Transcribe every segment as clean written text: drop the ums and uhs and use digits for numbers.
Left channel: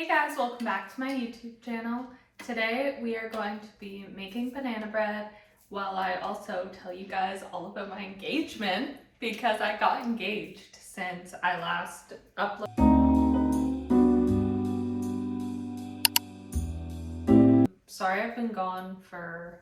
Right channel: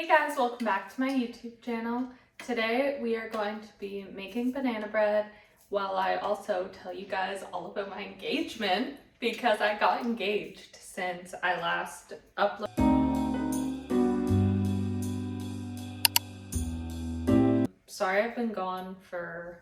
Hey guys, welcome back to my YouTube channel. Today we are going to be making banana bread while I also tell you guys all about my engagement because I got engaged since I last uploaded. Sorry I've been gone for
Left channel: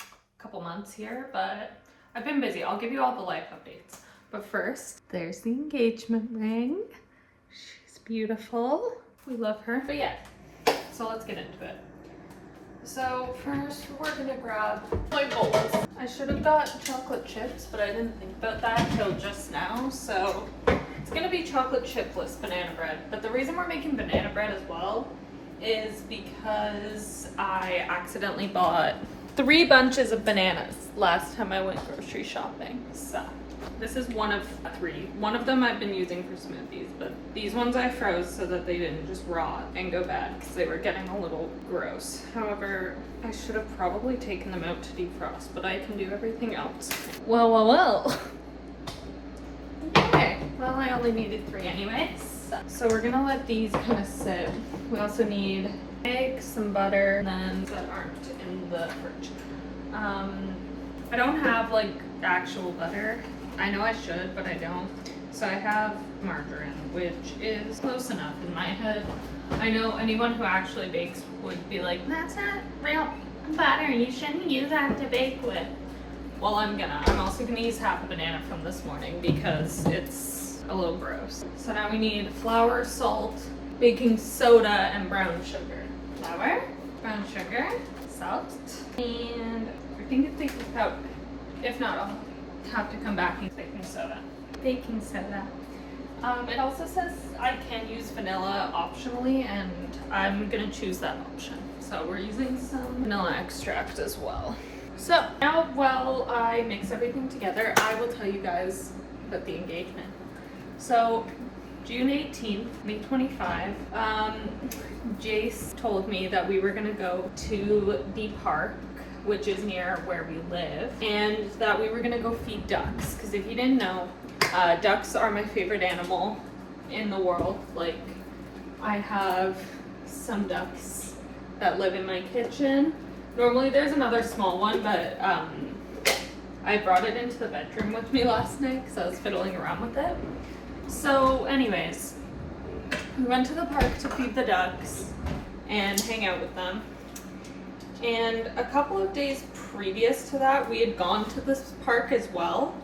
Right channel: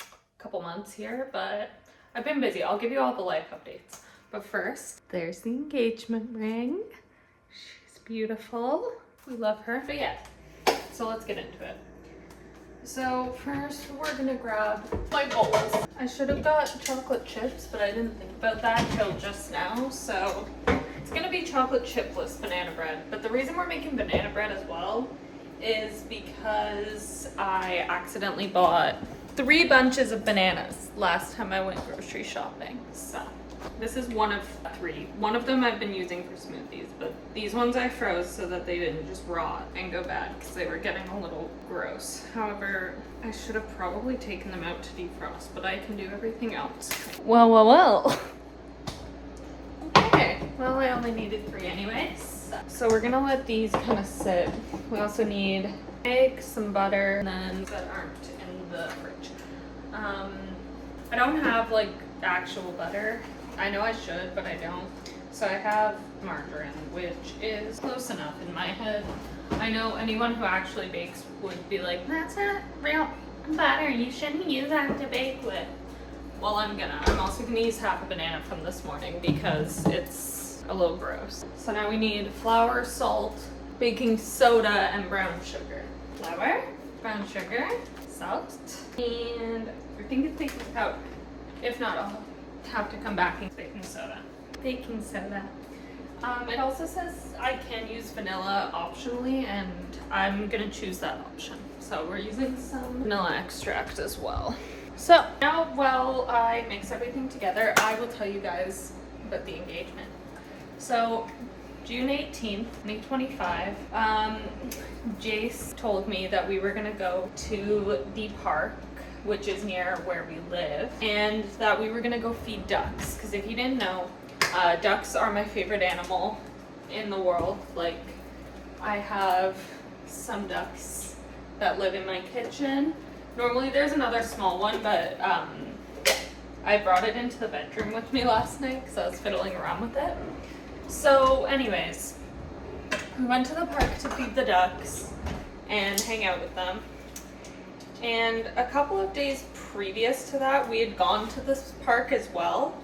a couple months here, but I've been busy. I'll give you all the life updates. But first, there's the engagement ring. She's beautiful. We love her. But yeah, so let's get into it. So first we're gonna grab, like always, I should have got chocolate chips, but I didn't think about that till just now. So it's gonna be chocolate chipless banana bread. But the reason we're making banana bread as well is because I accidentally bought 3 bunches of bananas last time I went grocery shopping. So this is one of 3. One of them I've been using for smoothies, but these ones I froze so that they didn't just rot and go bad because they were getting a little gross. However, I should have probably taken them out to defrost, but I can do everything else. Well. Okay, well I only needed 3 anyways. So we're gonna let these kind of sit. We also need egg, some butter, and then that aren't in the fridge. I don't have like actual butter. I know I should, but I don't. So I have margarine, which is close enough in my head. I know anyone who actually bakes would be like, that's not real butter, you shouldn't use that to bake with. Well, I'm also gonna use half a banana from this morning because it's a little gross. So now we need flour, salt, baking soda, and brown sugar. Flour, brown sugar, salt, and I think it's baking powder. If not, I'll have to come back and baking soda. Baking soda. It also says I can use vanilla optionally, and I'm gonna choose that option. So we're using some vanilla extract as well. So now while I mix everything together, I will tell you guys about the engagement. So June 18th, 2025, Jace told me that we were gonna go to the park, which is near where we live, and that we were gonna go feed ducks. Because if you didn't know, ducks are my favorite animal in the world. Like, I have some ducks that live in my kitchen. Normally there's another small one, but I brought it into the bedroom with me last night because I was fiddling around with it. So anyways, we went to the park to feed the ducks and hang out with them. And a couple of days previous to that, we had gone to this park as well,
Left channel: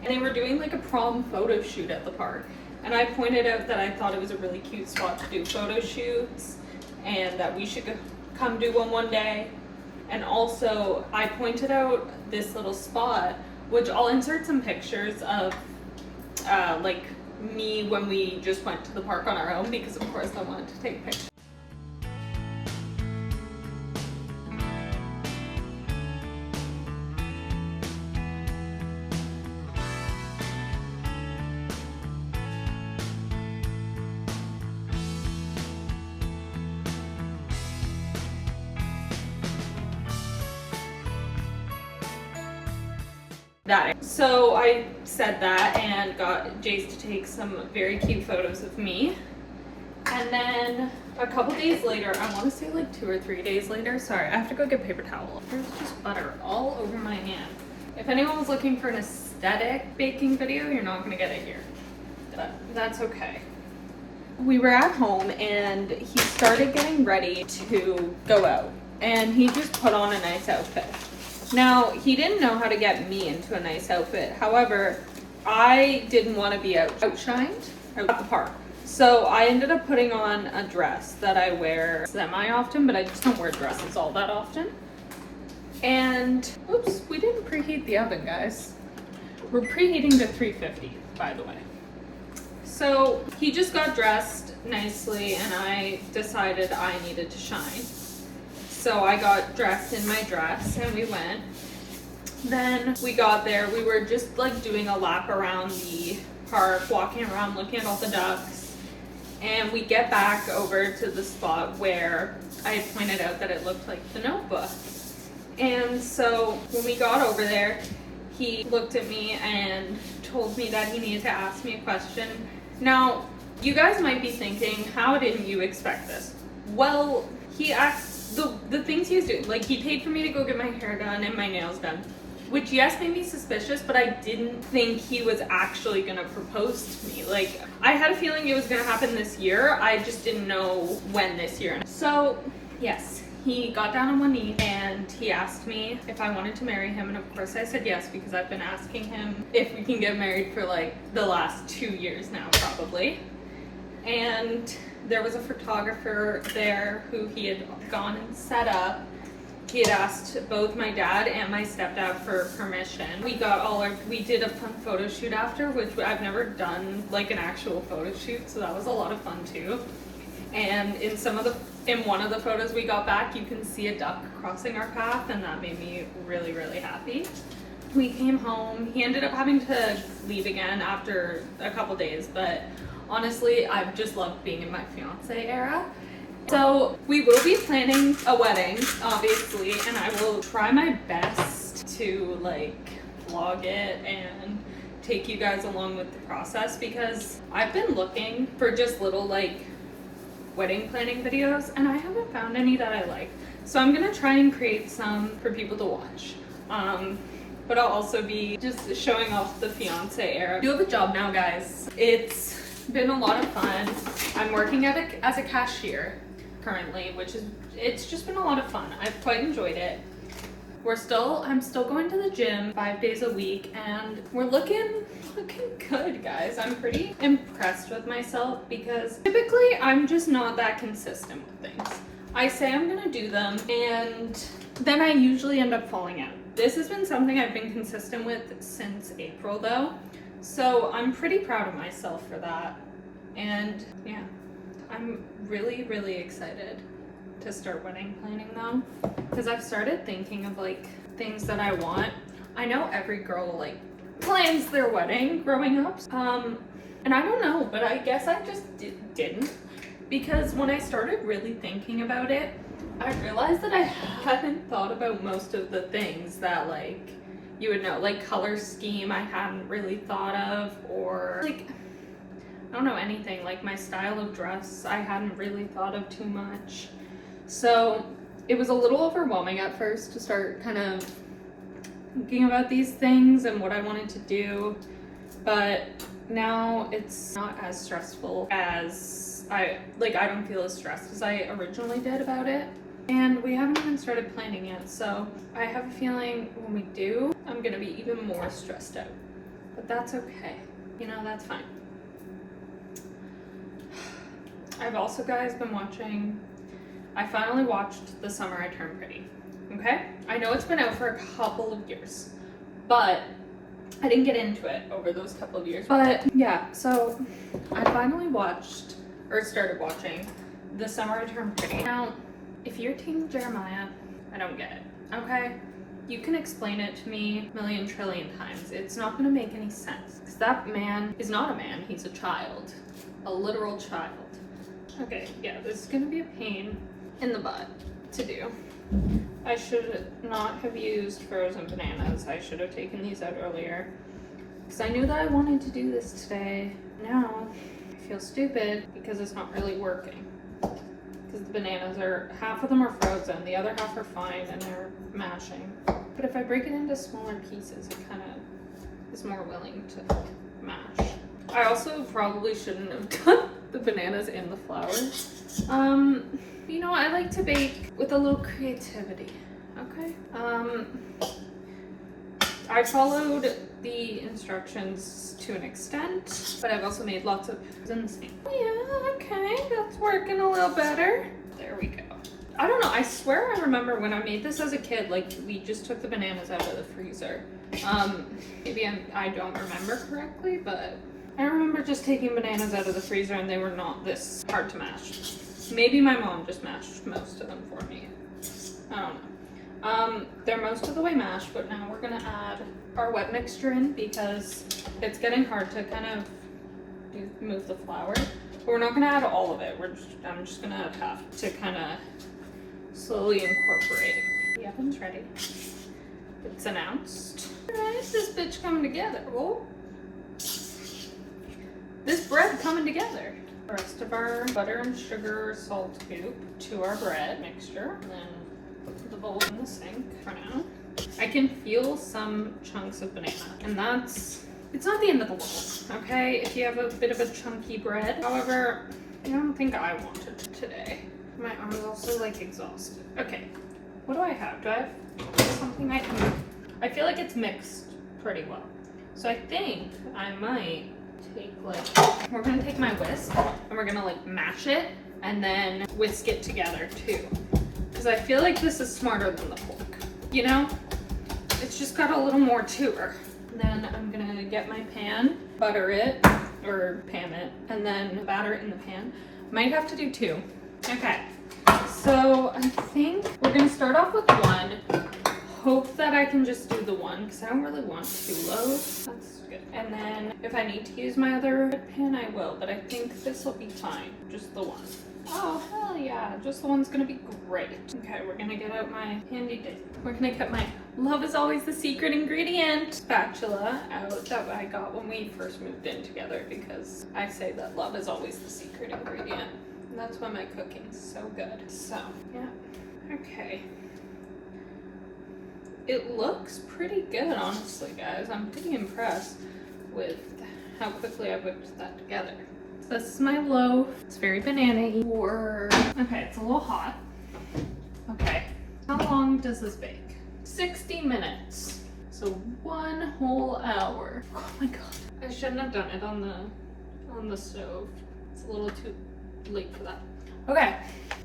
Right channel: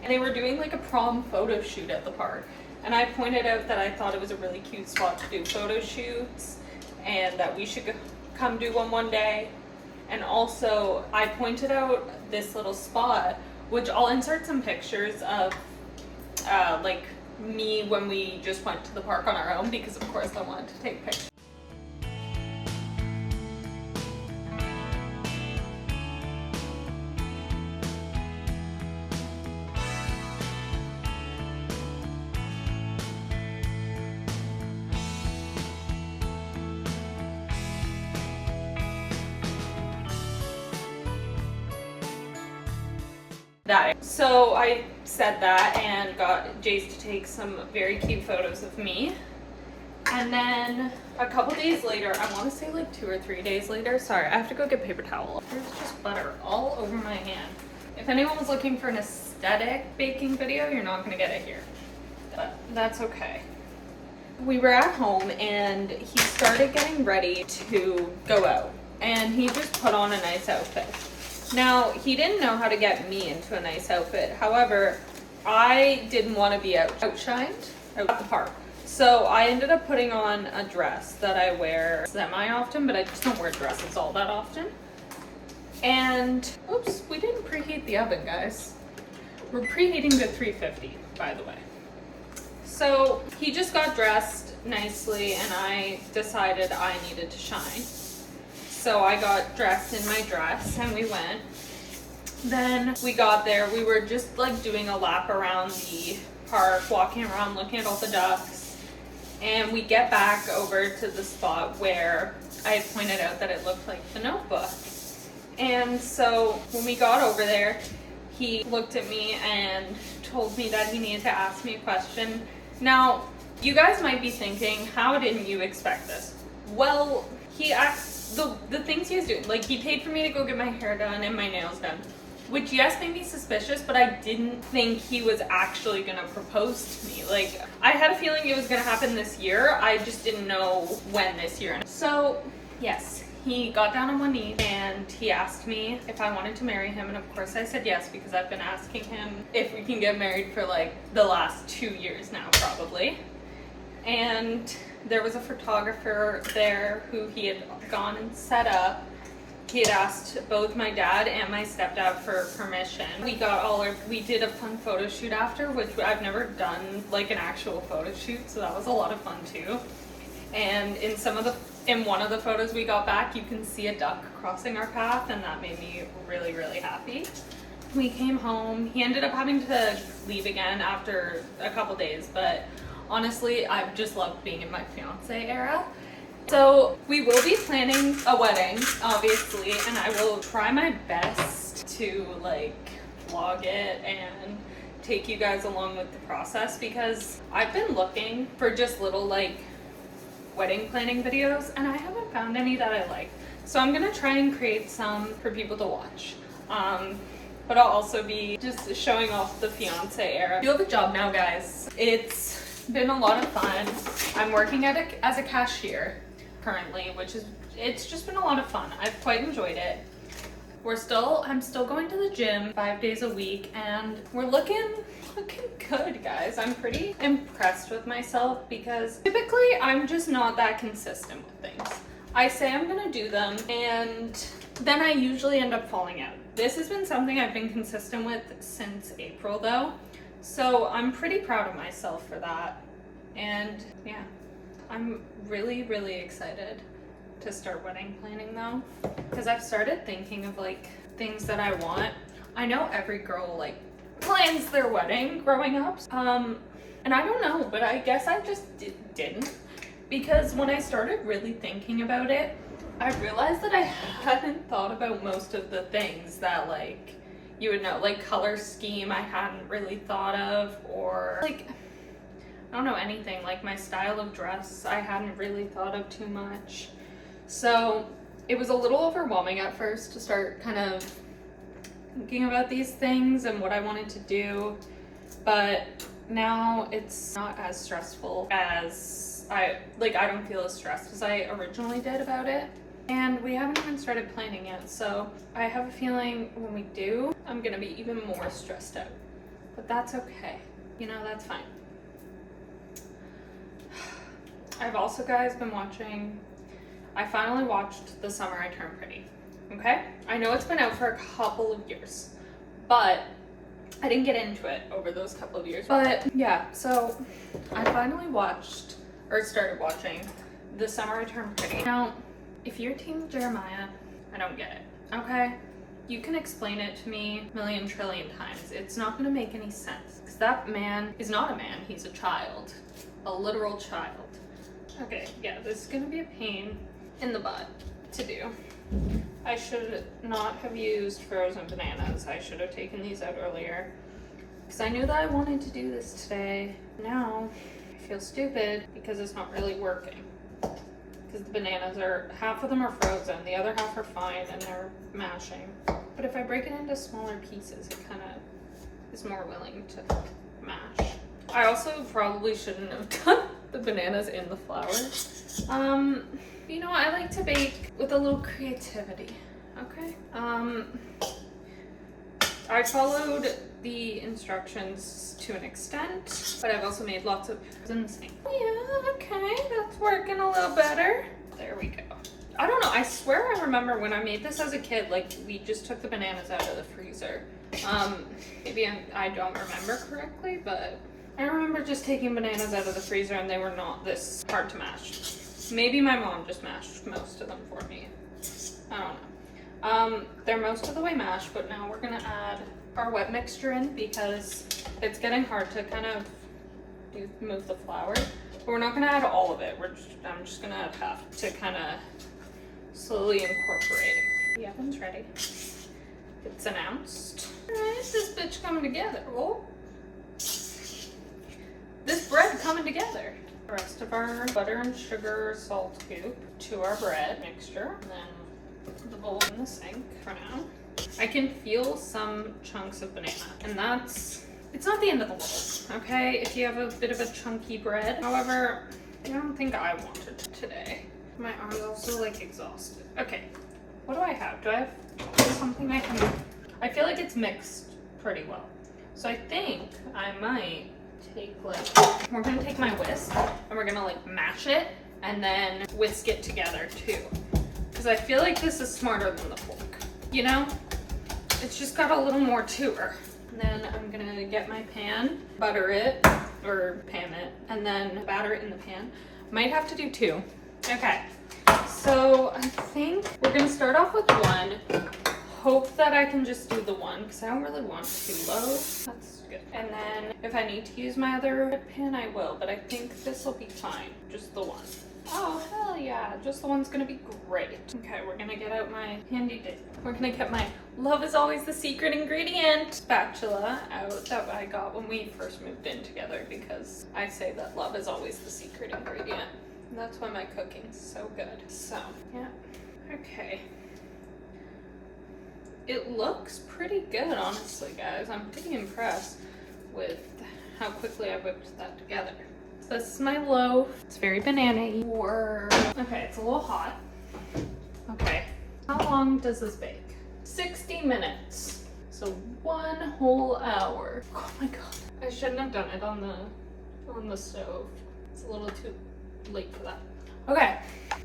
and they were doing like a prom photo shoot at the park. And I pointed out that I thought it was a really cute spot to do photo shoots and that we should come do one day. And also I pointed out this little spot, which I'll insert some pictures of like me when we just went to the park on our own, because of course I wanted to take pictures. So I said that and got Jace to take some very cute photos of me. And then a couple days later, I want to say like 2 or 3 days later, sorry, I have to go get paper towel. There's just butter all over my hand. If anyone was looking for an aesthetic baking video, you're not going to get it here. But that's okay. We were at home and he started getting ready to go out. And he just put on a nice outfit. Now, he didn't know how to get me into a nice outfit. However, I didn't want to be outshined at the park. So I ended up putting on a dress that I wear semi-often, but I just don't wear dresses all that often. And, oops, we didn't preheat the oven, guys. We're preheating to 350, by the way. So he just got dressed nicely, and I decided I needed to shine. So I got dressed in my dress and we went. Then we got there, we were just like doing a lap around the park, walking around, looking at all the ducks. And we get back over to the spot where I pointed out that it looked like the Notebook. And so when we got over there, he looked at me and told me that he needed to ask me a question. Now, You guys might be thinking, how didn't you expect this? Well, he asked the things he was doing, like he paid for me to go get my hair done and my nails done, which yes made me suspicious, but I didn't think he was actually gonna propose to me. Like, I had a feeling it was gonna happen this year, I just didn't know when this year. So yes, he got down on one knee and he asked me if I wanted to marry him, and of course I said yes, because I've been asking him if we can get married for like the last 2 years now probably. And there was a photographer there who he had gone and set up. He had asked both my dad and my stepdad for permission. We did a fun photo shoot after, which I've never done like an actual photo shoot, so that was a lot of fun too. And in one of the photos we got back, you can see a duck crossing our path, and that made me really, really happy. We came home. He ended up having to leave again after a couple days, but honestly, I've just loved being in my fiance era. So we will be planning a wedding, obviously, and I will try my best to like vlog it and take you guys along with the process, because I've been looking for just little like wedding planning videos and I haven't found any that I like. So I'm gonna try and create some for people to watch. But I'll also be just showing off the fiance era. I do have a job now, guys. It's been a lot of fun. I'm working as a cashier currently, it's just been a lot of fun. I've quite enjoyed it. I'm still going to the gym 5 days a week, and we're looking good, guys. I'm pretty impressed with myself, because typically I'm just not that consistent with things. I say I'm gonna do them and then I usually end up falling out. This has been something I've been consistent with since April though, so I'm pretty proud of myself for that. And yeah, I'm really, really excited to start wedding planning though, because I've started thinking of like things that I want. I know every girl like plans their wedding growing up, and I don't know, but I guess I just didn't, because when I started really thinking about it, I realized that I hadn't thought about most of the things that like you would know, like color scheme I hadn't really thought of, or like I don't know, anything like my style of dress I hadn't really thought of too much. So it was a little overwhelming at first to start kind of thinking about these things and what I wanted to do, but now it's not as stressful as I don't feel as stressed as I originally did about it. And we haven't even started planning yet, so I have a feeling when we do, I'm gonna be even more stressed out. But that's okay, you know, that's fine. I've also, guys, been watching, I finally watched The Summer I Turned Pretty, okay? I know it's been out for a couple of years, but I didn't get into it over those couple of years. But yeah, so I finally started watching The Summer I Turned Pretty. Now, if you're Team Jeremiah, I don't get it, okay? You can explain it to me a million trillion times. It's not gonna make any sense, because that man is not a man, he's a child, a literal child. Okay, yeah, this is gonna be a pain in the butt to do. I should not have used frozen bananas. I should have taken these out earlier, because I knew that I wanted to do this today. Now, I feel stupid because it's not really working. Because the bananas half of them are frozen, the other half are fine and they're mashing. But if I break it into smaller pieces, it kind of is more willing to mash. I also probably shouldn't have done the bananas in the flour. You know, I like to bake with a little creativity, okay? I followed the instructions to an extent, but I've also made lots of in the same. Yeah, okay, that's working a little better. There we go. I don't know, I swear I remember when I made this as a kid, like we just took the bananas out of the freezer. Maybe I don't remember correctly, but I remember just taking bananas out of the freezer and they were not this hard to mash. Maybe my mom just mashed most of them for me. I don't know. They're most of the way mashed, but now we're gonna add our wet mixture in, because it's getting hard to kind of move the flour. But we're not gonna add all of it. I'm just gonna have to kind of slowly incorporate. The oven's ready. It's announced. Alright, this bitch coming together. Whoa. This bread coming together. the rest of our butter and sugar salt goop to our bread mixture. And then put the bowl in the sink for now. I can feel some chunks of banana, and it's not the end of the world, okay? If you have a bit of a chunky bread. However, I don't think I want it today. My arm is also like exhausted. Okay, what do I have? Do I have something I can do? I feel like it's mixed pretty well. So I think I might take we're gonna take my whisk and we're gonna like mash it and then whisk it together too. Because I feel like this is smarter than the fork, you know? It's just got a little more to her. And then I'm gonna get my pan, butter it, or pan it, and then batter it in the pan. Might have to do two. Okay, so I think we're gonna start off with one. Hope that I can just do the one because I don't really want too low. That's good. And then if I need to use my other pan, I will, but I think this will be fine. Just the one. Oh, hell yeah. Just the one's gonna be great. Okay, we're gonna get out my handy dip. We're gonna get my love is always the secret ingredient spatula out that I got when we first moved in together, because I say that love is always the secret ingredient. And that's why my cooking's so good. So, yeah. Okay. It looks pretty good, honestly, guys. I'm pretty impressed with how quickly I whipped that together. So this is my loaf. It's very banana-y. Okay, it's a little hot. Okay, how long does this bake? 60 minutes. So 1 whole hour. Oh my god. I shouldn't have done it on the stove. It's a little too late for that. Okay,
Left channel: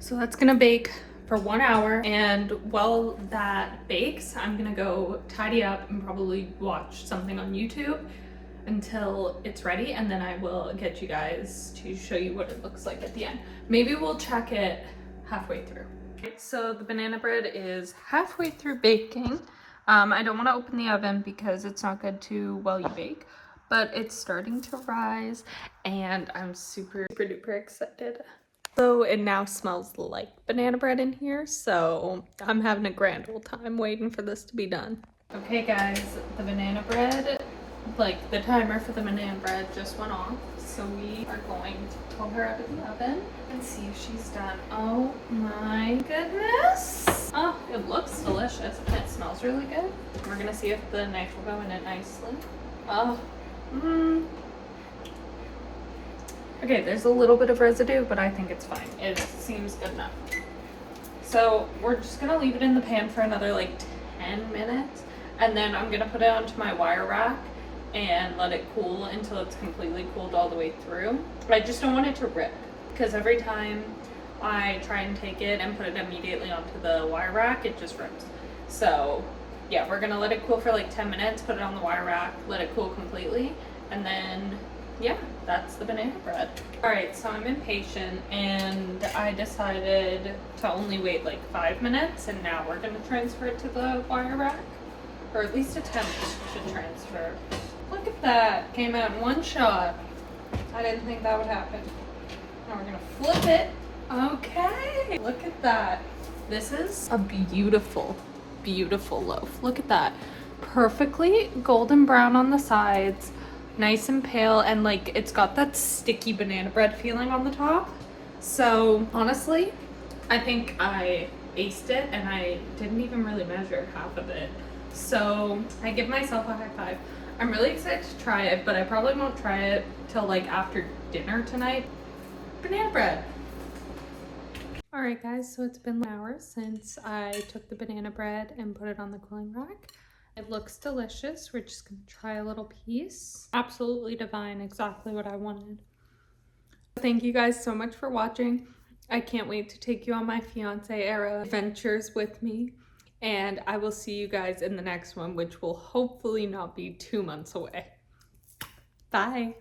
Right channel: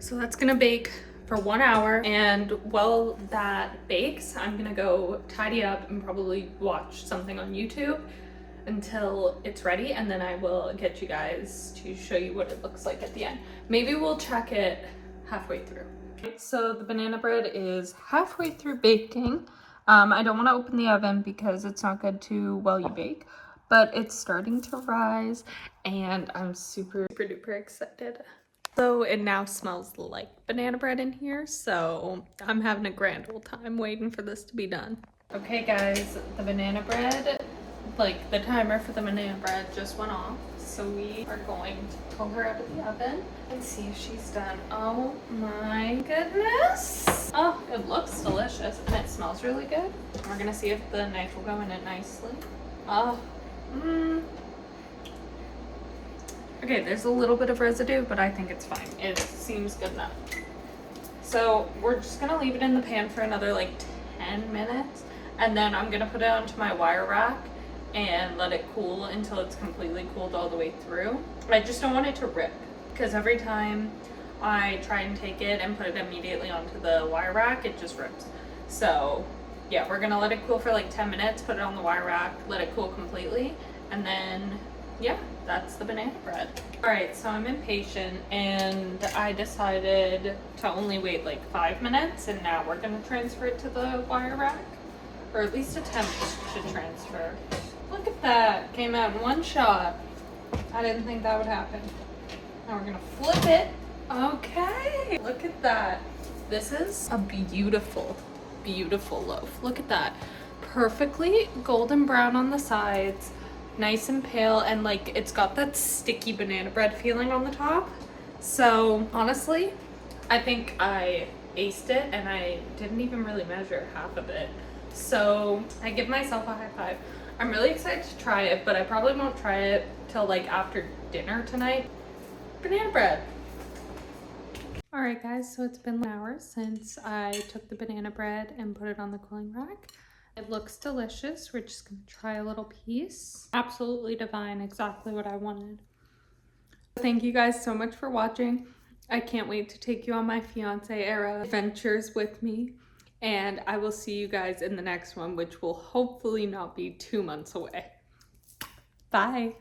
so that's gonna bake for 1 hour, and while that bakes, I'm gonna go tidy up and probably watch something on YouTube until it's ready, and then I will get you guys to show you what it looks like at the end. Maybe we'll check it halfway through. So the banana bread is halfway through baking. I don't want to open the oven because it's not good to while you bake, but it's starting to rise and I'm super duper excited. So it now smells like banana bread in here, so I'm having a grand old time waiting for this to be done. Okay guys, the banana bread, like the timer for the banana bread just went off, so we are going to pull her out of the oven and see if she's done. Oh my goodness! Oh, it looks delicious and it smells really good. We're gonna see if the knife will go in it nicely. Oh, Okay, there's a little bit of residue, but I think it's fine. It seems good enough. So we're just gonna leave it in the pan for another like 10 minutes, and then I'm gonna put it onto my wire rack and let it cool until it's completely cooled all the way through. I just don't want it to rip, because every time I try and take it and put it immediately onto the wire rack, it just rips. So yeah, we're gonna let it cool for like 10 minutes, put it on the wire rack, let it cool completely, and then yeah, that's the banana bread. All right, so I'm impatient and I decided to only wait like 5 minutes, and now we're gonna transfer it to the wire rack, or at least attempt to transfer. Look at that, came out in one shot. I didn't think that would happen. Now we're gonna flip it. Okay, look at that. This is a beautiful, beautiful loaf. Look at that. Perfectly golden brown on the sides, nice and pale, and like it's got that sticky banana bread feeling on the top. So honestly, I think I aced it, and I didn't even really measure half of it. So I give myself a high five. I'm really excited to try it, but I probably won't try it till like after dinner tonight. Banana bread. All right guys, so it's been an hour since I took the banana bread and put it on the cooling rack. It looks delicious. We're just gonna try a little piece. Absolutely divine, exactly what I wanted. Thank you guys so much for watching. I can't wait to take you on my fiance era adventures with me. And I will see you guys in the next one, which will hopefully not be 2 months away. Bye.